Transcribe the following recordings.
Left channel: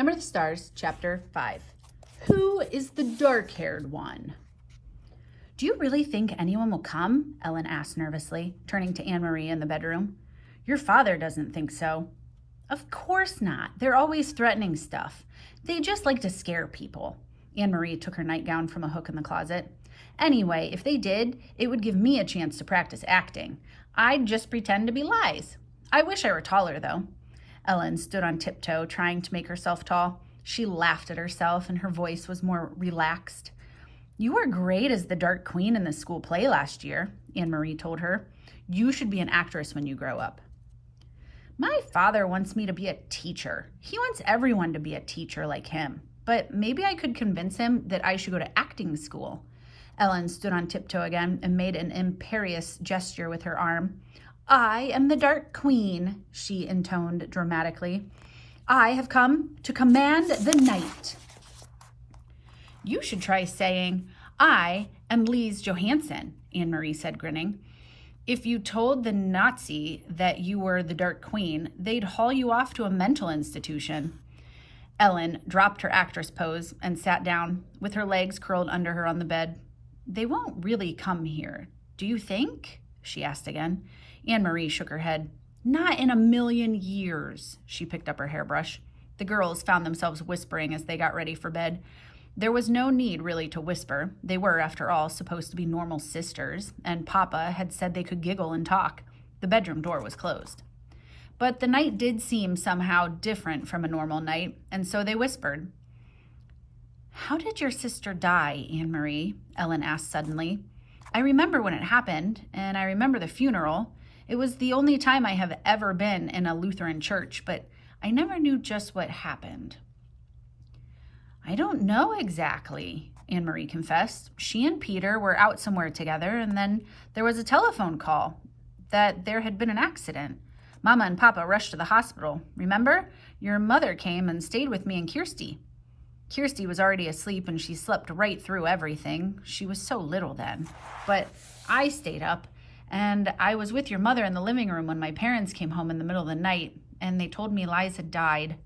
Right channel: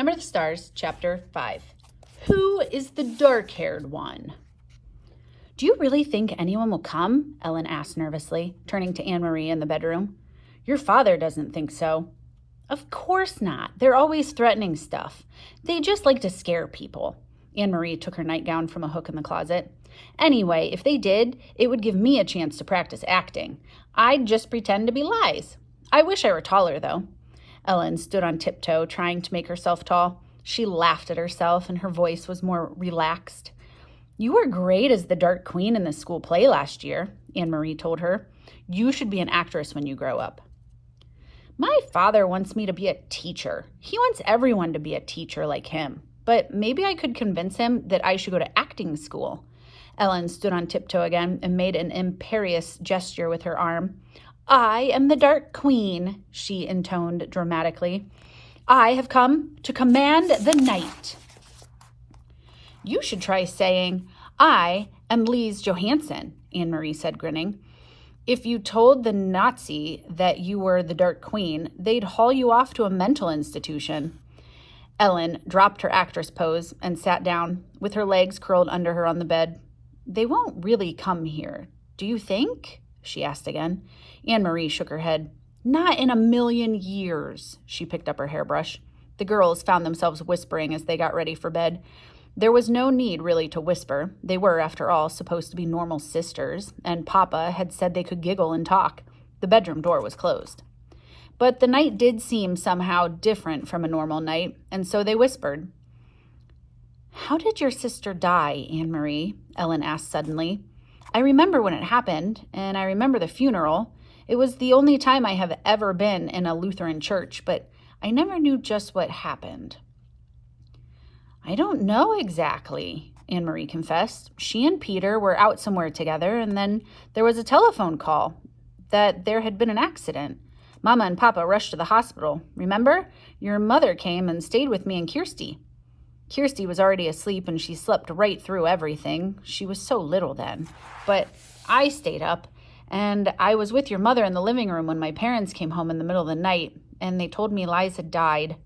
Number of the Stars, Chapter 5. Who is the dark-haired one? Do you really think anyone will come? Ellen asked nervously, turning to Anne-Marie in the bedroom. Your father doesn't think so. Of course not. They're always threatening stuff. They just like to scare people. Anne-Marie took her nightgown from a hook in the closet. Anyway, if they did, it would give me a chance to practice acting. I'd just pretend to be Lise. I wish I were taller, though. Ellen stood on tiptoe, trying to make herself tall. She laughed at herself, and her voice was more relaxed. You were great as the Dark Queen in the school play last year, Anne-Marie told her. You should be an actress when you grow up. My father wants me to be a teacher. He wants everyone to be a teacher like him. But maybe I could convince him that I should go to acting school. Ellen stood on tiptoe again and made an imperious gesture with her arm. I am the Dark Queen, she intoned dramatically. I have come to command the night. You should try saying, I am Lise Johansson, Anne-Marie said, grinning. If you told the Nazi that you were the Dark Queen, they'd haul you off to a mental institution. Ellen dropped her actress pose and sat down, with her legs curled under her on the bed. They won't really come here, do you think? She asked again. Anne-Marie shook her head. Not in a million years. She picked up her hairbrush. The girls found themselves whispering as they got ready for bed. There was no need really to whisper. They were, after all, supposed to be normal sisters, and Papa had said they could giggle and talk. The bedroom door was closed. But the night did seem somehow different from a normal night, and so they whispered. How did your sister die, Anne-Marie? Ellen asked suddenly. I remember when it happened, and I remember the funeral. It was the only time I have ever been in a Lutheran church, but I never knew just what happened. I don't know exactly, Anne-Marie confessed. She and Peter were out somewhere together, and then there was a telephone call that there had been an accident. Mama and Papa rushed to the hospital. Remember? Your mother came and stayed with me and Kirsty. Kirsty was already asleep, and she slept right through everything. She was so little then. But I stayed up, and I was with your mother in the living room when my parents came home in the middle of the night, and they told me Lise had died.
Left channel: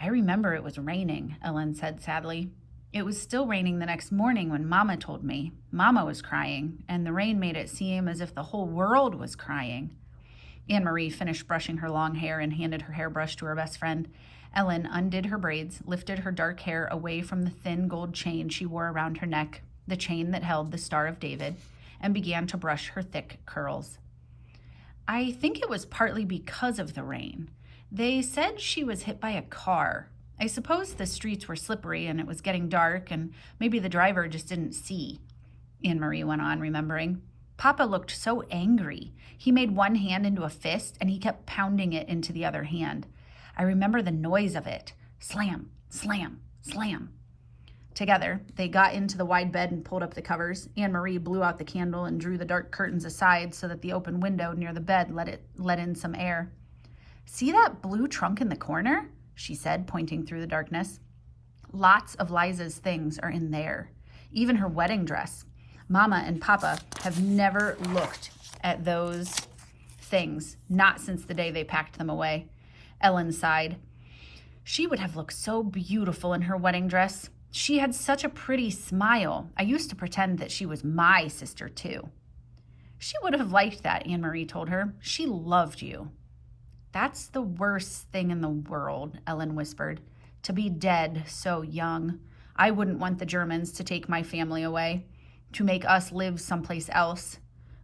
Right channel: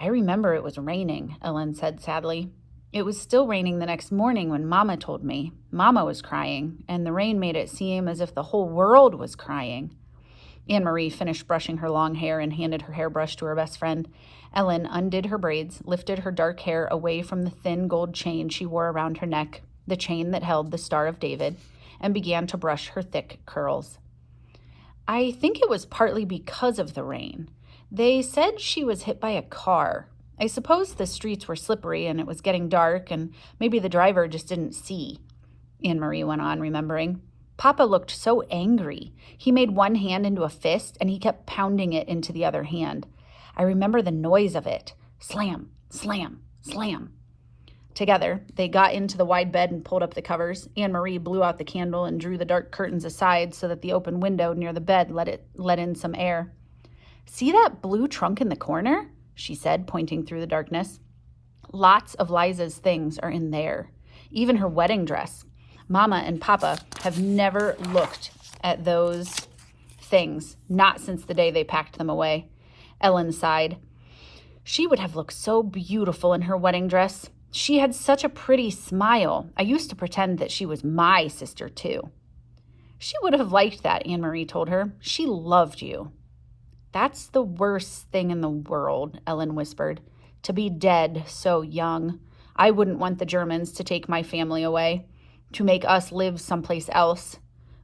I remember it was raining, Ellen said sadly. It was still raining the next morning when Mama told me. Mama was crying, and the rain made it seem as if the whole world was crying. Anne-Marie finished brushing her long hair and handed her hairbrush to her best friend. Ellen undid her braids, lifted her dark hair away from the thin gold chain she wore around her neck, the chain that held the Star of David, and began to brush her thick curls. I think it was partly because of the rain. They said she was hit by a car. I suppose the streets were slippery and it was getting dark, and maybe the driver just didn't see. Anne-Marie went on, remembering. Papa looked so angry. He made one hand into a fist, and he kept pounding it into the other hand. I remember the noise of it. Slam, slam, slam. Together, they got into the wide bed and pulled up the covers. Anne-Marie blew out the candle and drew the dark curtains aside so that the open window near the bed let in some air. See that blue trunk in the corner? She said, pointing through the darkness. Lots of Liza's things are in there, even her wedding dress. Mama and Papa have never looked at those things, not since the day they packed them away. Ellen sighed. She would have looked so beautiful in her wedding dress. She had such a pretty smile. I used to pretend that she was my sister, too. She would have liked that, Anne-Marie told her. She loved you. That's the worst thing in the world, Ellen whispered. To be dead so young. I wouldn't want the Germans to take my family away, to make us live someplace else.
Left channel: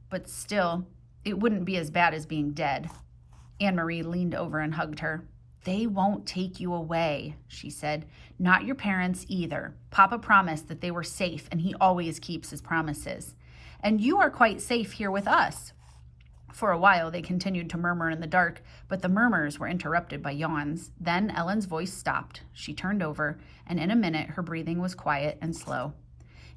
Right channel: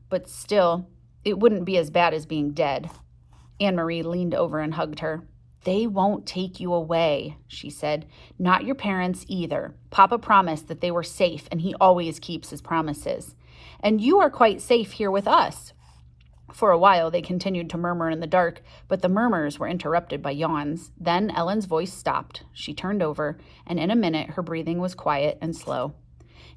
But still, it wouldn't be as bad as being dead. Anne-Marie leaned over and hugged her. They won't take you away, she said. Not your parents either. Papa promised that they were safe, and he always keeps his promises. And you are quite safe here with us. For a while, they continued to murmur in the dark, but the murmurs were interrupted by yawns. Then Ellen's voice stopped. She turned over, and in a minute, her breathing was quiet and slow.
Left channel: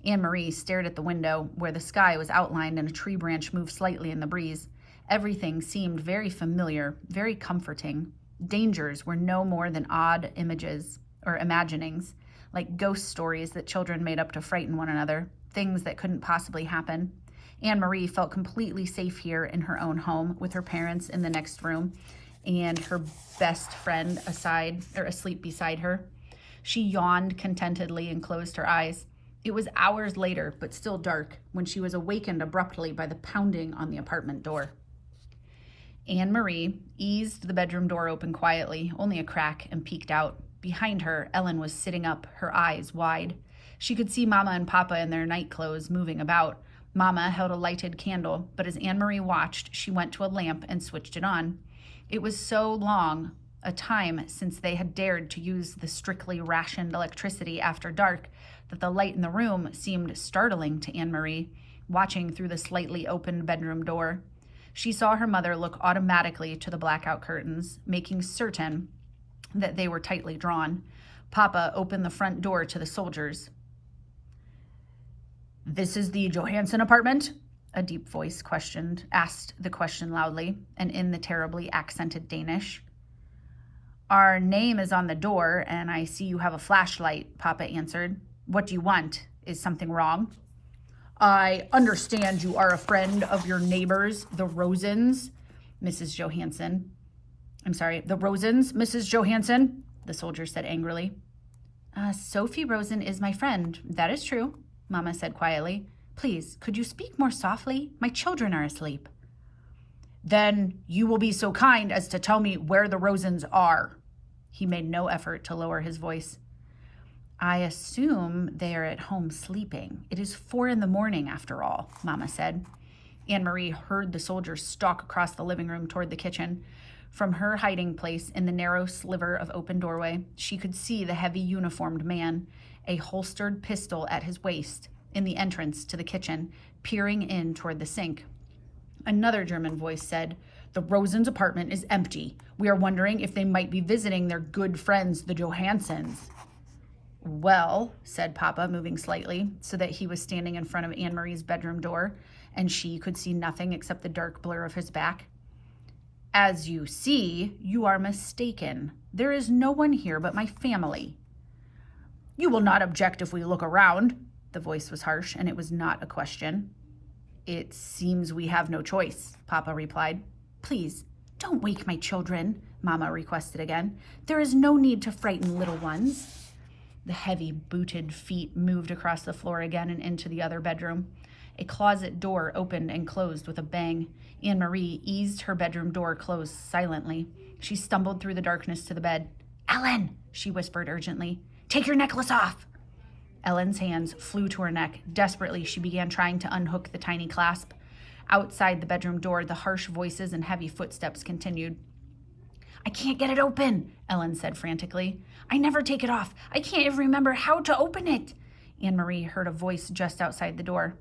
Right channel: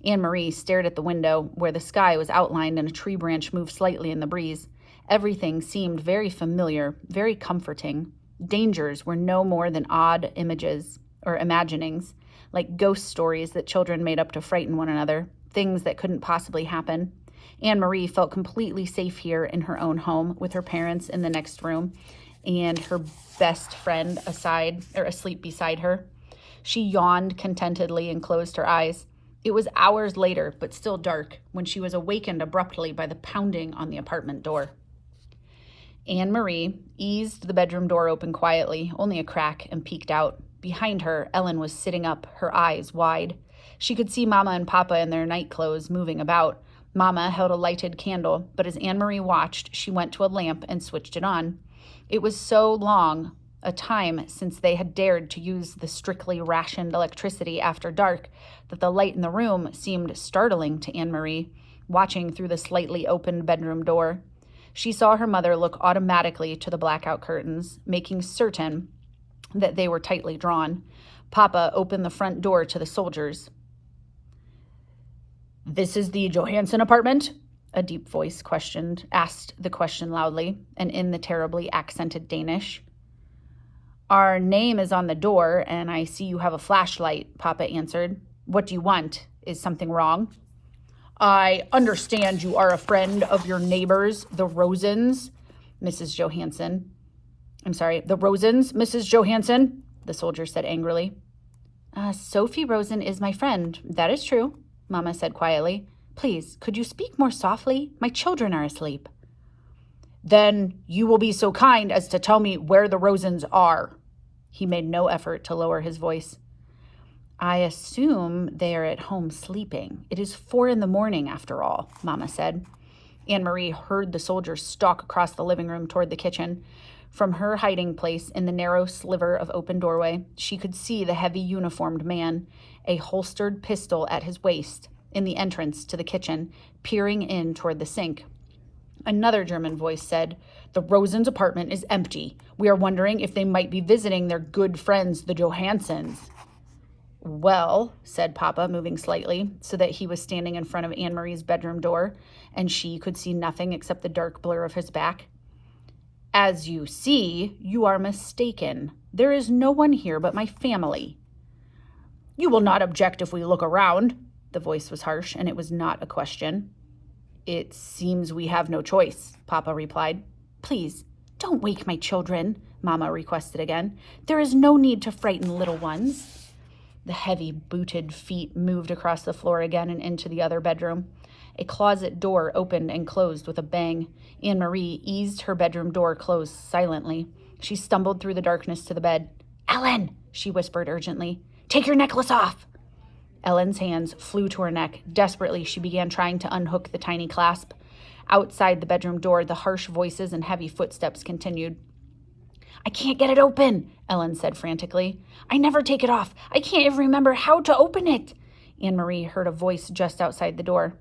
Anne-Marie stared at the window, where the sky was outlined and a tree branch moved slightly in the breeze. Everything seemed very familiar, very comforting. Dangers were no more than odd images or imaginings, like ghost stories that children made up to frighten one another, things that couldn't possibly happen. Anne-Marie felt completely safe here in her own home with her parents in the next room. and her best friend asleep beside her. She yawned contentedly and closed her eyes. It was hours later, but still dark, when she was awakened abruptly by the pounding on the apartment door. Anne-Marie eased the bedroom door open quietly, only a crack, and peeked out. Behind her, Ellen was sitting up, her eyes wide. She could see Mama and Papa in their night clothes moving about. Mama held a lighted candle, but as Anne-Marie watched, she went to a lamp and switched it on. It was so long a time since they had dared to use the strictly rationed electricity after dark that the light in the room seemed startling to Anne-Marie, watching through the slightly opened bedroom door. She saw her mother look automatically to the blackout curtains, making certain that they were tightly drawn. Papa opened the front door to the soldiers. "This is the Johansson apartment?" A deep voice asked the question loudly and in the terribly accented Danish. "Our name is on the door, and I see you have a flashlight," Papa answered. "What do you want? Is something wrong?" "I understand you are a friend of your neighbors, the Rosens, Mrs. Johansson." "The Rosens, Mrs. Johansson," the soldier said angrily. "Sophie Rosen is my friend, that is true," Mama said quietly. "Please, could you speak more softly? My children are asleep." "Then you will be so kind as to tell me where the Rosens are." He made no effort to lower his voice. "I assume they are at home sleeping. It is 4 a.m, after all," Mama said. Anne-Marie heard the soldier stalk across the living room toward the kitchen. From her hiding place in the narrow sliver of open doorway, she could see the heavy uniformed man, a holstered pistol at his waist, in the entrance to the kitchen, peering in toward the sink. Another German voice said, "The Rosens' apartment is empty. We are wondering if they might be visiting their good friends, the Johanssons." "Well," said Papa, moving slightly so that he was standing in front of Anne-Marie's bedroom door, and she could see nothing except the dark blur of his back. "As you see, you are mistaken. There is no one here but my family." "You will not object if we look around." The voice was harsh, and it was not a question. "It seems we have no choice," Papa replied. "Please, don't wake my children," Mama requested again. "There is no need to frighten little ones." The heavy booted feet moved across the floor again and into the other bedroom. A closet door opened and closed with a bang. Anne-Marie eased her bedroom door closed silently. She stumbled through the darkness to the bed. "Ellen," she whispered urgently, "take your necklace off." Ellen's hands flew to her neck. Desperately, she began trying to unhook the tiny clasp. Outside the bedroom door, the harsh voices and heavy footsteps continued. "I can't get it open," Ellen said frantically. "I never take it off. I can't even remember how to open it." Anne-Marie heard a voice just outside the door.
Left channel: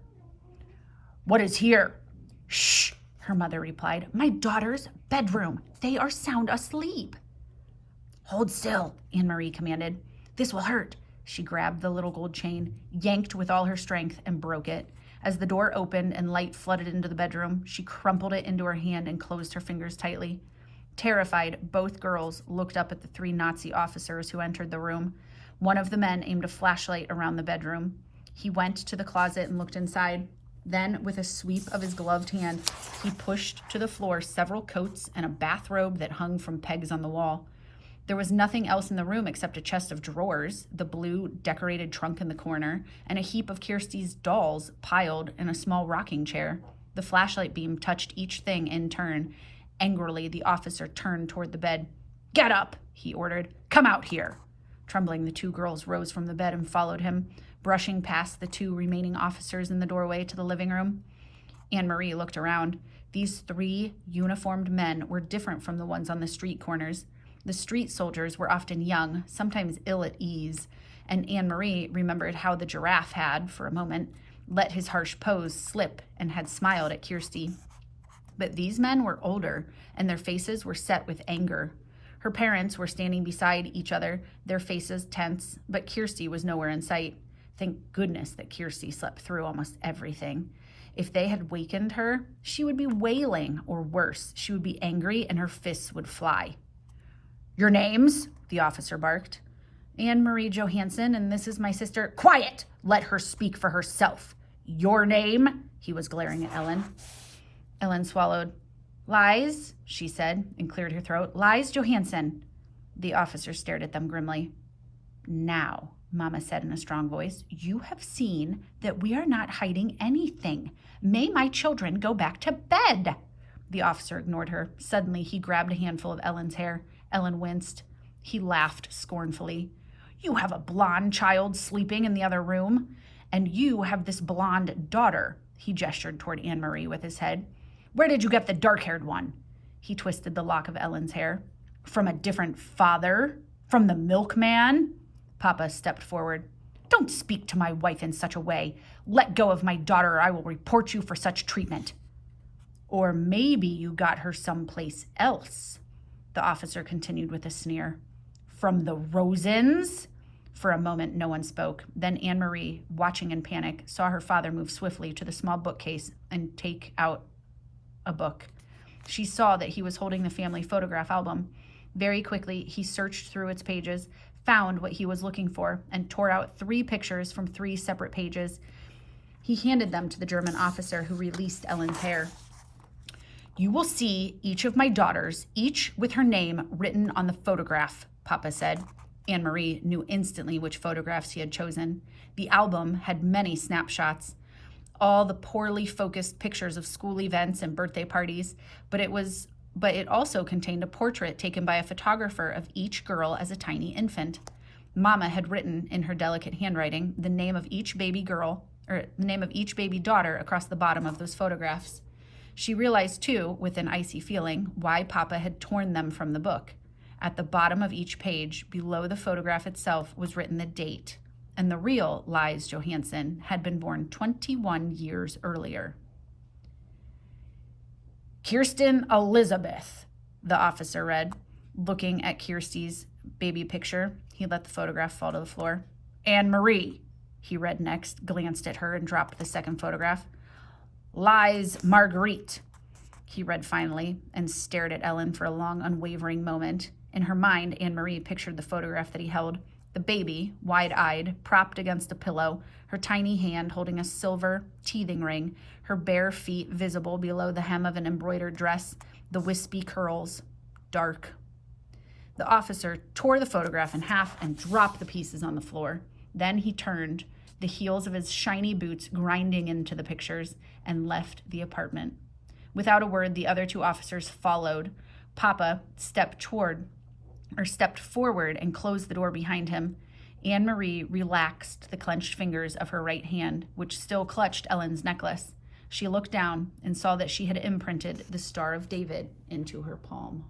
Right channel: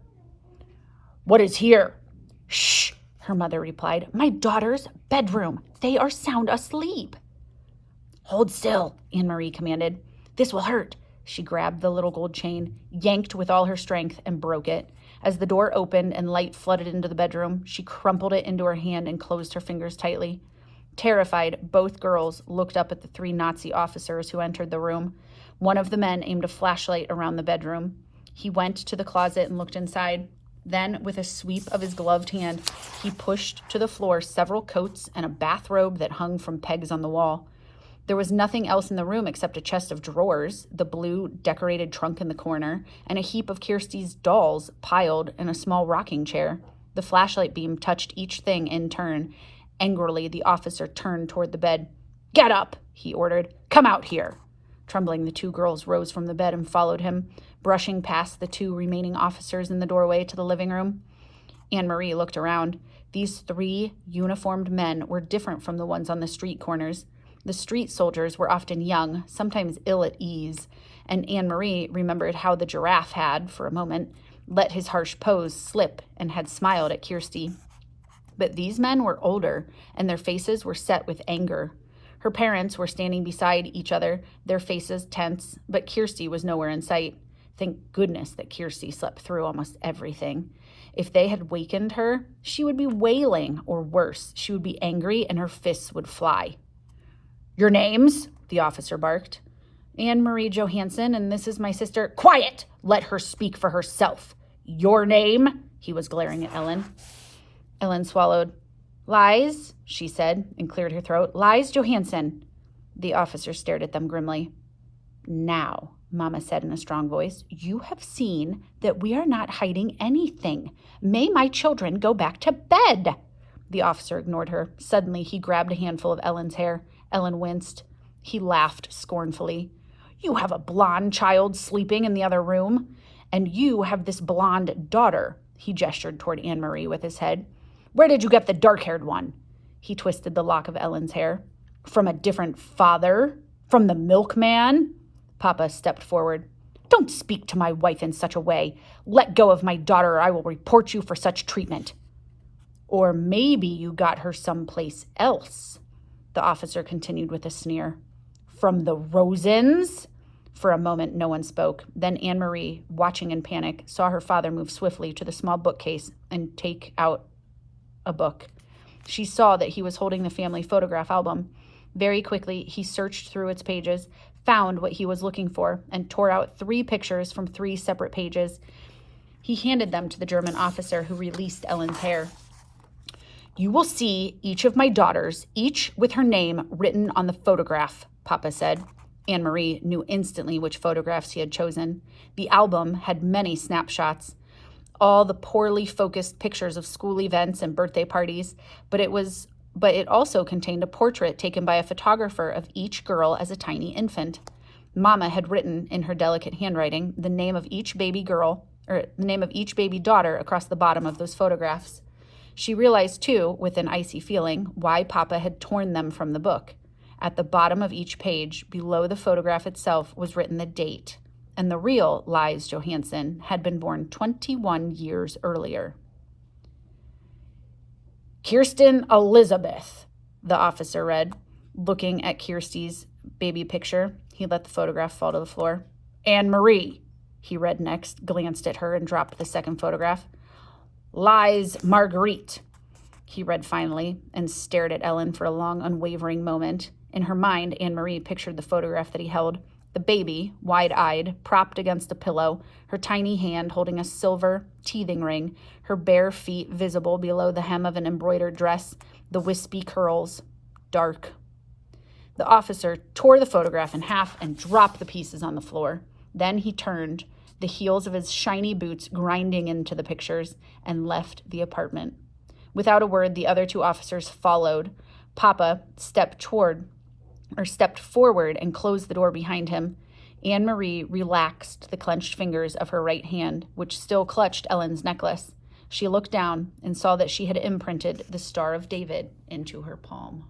"What is here?" "Shh," her mother replied. "My daughter's bedroom. They are sound asleep." "Hold still," Anne-Marie commanded. "This will hurt." She grabbed the little gold chain, yanked with all her strength, and broke it. As the door opened and light flooded into the bedroom, she crumpled it into her hand and closed her fingers tightly. Terrified, both girls looked up at the 3 Nazi officers who entered the room. One of the men aimed a flashlight around the bedroom. He went to the closet and looked inside. Then, with a sweep of his gloved hand, he pushed to the floor several coats and a bathrobe that hung from pegs on the wall. There was nothing else in the room except a chest of drawers, the blue decorated trunk in the corner, and a heap of Kirsty's dolls piled in a small rocking chair. The flashlight beam touched each thing in turn. Angrily, the officer turned toward the bed. "Get up," he ordered. "Come out here." Trembling, the 2 girls rose from the bed and followed him, brushing past the 2 remaining officers in the doorway to the living room. Anne-Marie looked around. These 3 uniformed men were different from the ones on the street corners. The street soldiers were often young, sometimes ill at ease, and Anne-Marie remembered how the giraffe had, for a moment, let his harsh pose slip and had smiled at Kirsty. But these men were older, and their faces were set with anger. Her parents were standing beside each other, their faces tense, but Kirsty was nowhere in sight. Thank goodness that Kirsty slept through almost everything. If they had wakened her, she would be wailing, or worse, she would be angry and her fists would fly. "Your names?" the officer barked. "Anne-Marie Johansson, and this is my sister." "Quiet! Let her speak for herself." "Your name?" He was glaring at Ellen. Ellen swallowed. Lise, she said, and cleared her throat. Lise Johansson. The officer stared at them grimly. Now, Mama said in a strong voice, you have seen that we are not hiding anything. May my children go back to bed. The officer ignored her. Suddenly, he grabbed a handful of Ellen's hair. Ellen winced. He laughed scornfully. You have a blonde child sleeping in the other room, and you have this blonde daughter. He gestured toward Anne-Marie with his head. Where did you get the dark-haired one? He twisted the lock of Ellen's hair. From a different father? From the milkman? Papa stepped forward. Don't speak to my wife in such a way. Let go of my daughter or I will report you for such treatment. Or maybe you got her someplace else, the officer continued with a sneer. From the Rosens? For a moment, no one spoke. Then Anne-Marie, watching in panic, saw her father move swiftly to the small bookcase and take out a book. She saw that he was holding the family photograph album. Very quickly, he searched through its pages, found what he was looking for, and tore out 3 pictures from 3 separate pages. He handed them to the German officer who released Ellen's hair. You will see each of my daughters, each with her name written on the photograph, Papa said. Anne-Marie knew instantly which photographs he had chosen. The album had many snapshots, all the poorly focused pictures of school events and birthday parties, but it also contained a portrait taken by a photographer of each girl as a tiny infant. Mama had written in her delicate handwriting the name of each baby girl, or the name of each baby daughter across the bottom of those photographs. She realized, too, with an icy feeling, why Papa had torn them from the book. At the bottom of each page, below the photograph itself, was written the date, and the real Lise Johansson had been born 21 years earlier. Kirsten Elizabeth, the officer read, looking at Kirsty's baby picture. He let the photograph fall to the floor. Anne-Marie, he read next, glanced at her, and dropped the second photograph. Lise Marguerite, he read finally, and stared at Ellen for a long, unwavering moment. In her mind, Anne-Marie pictured the photograph that he held, the baby, wide-eyed, propped against a pillow, her tiny hand holding a silver teething ring, her bare feet visible below the hem of an embroidered dress, the wispy curls, dark. The officer tore the photograph in half and dropped the pieces on the floor. Then he turned, the heels of his shiny boots grinding into the pictures, and left the apartment. Without a word, the other 2 officers followed. Papa stepped forward and closed the door behind him. Anne-Marie relaxed the clenched fingers of her right hand, which still clutched Ellen's necklace. She looked down and saw that she had imprinted the Star of David into her palm.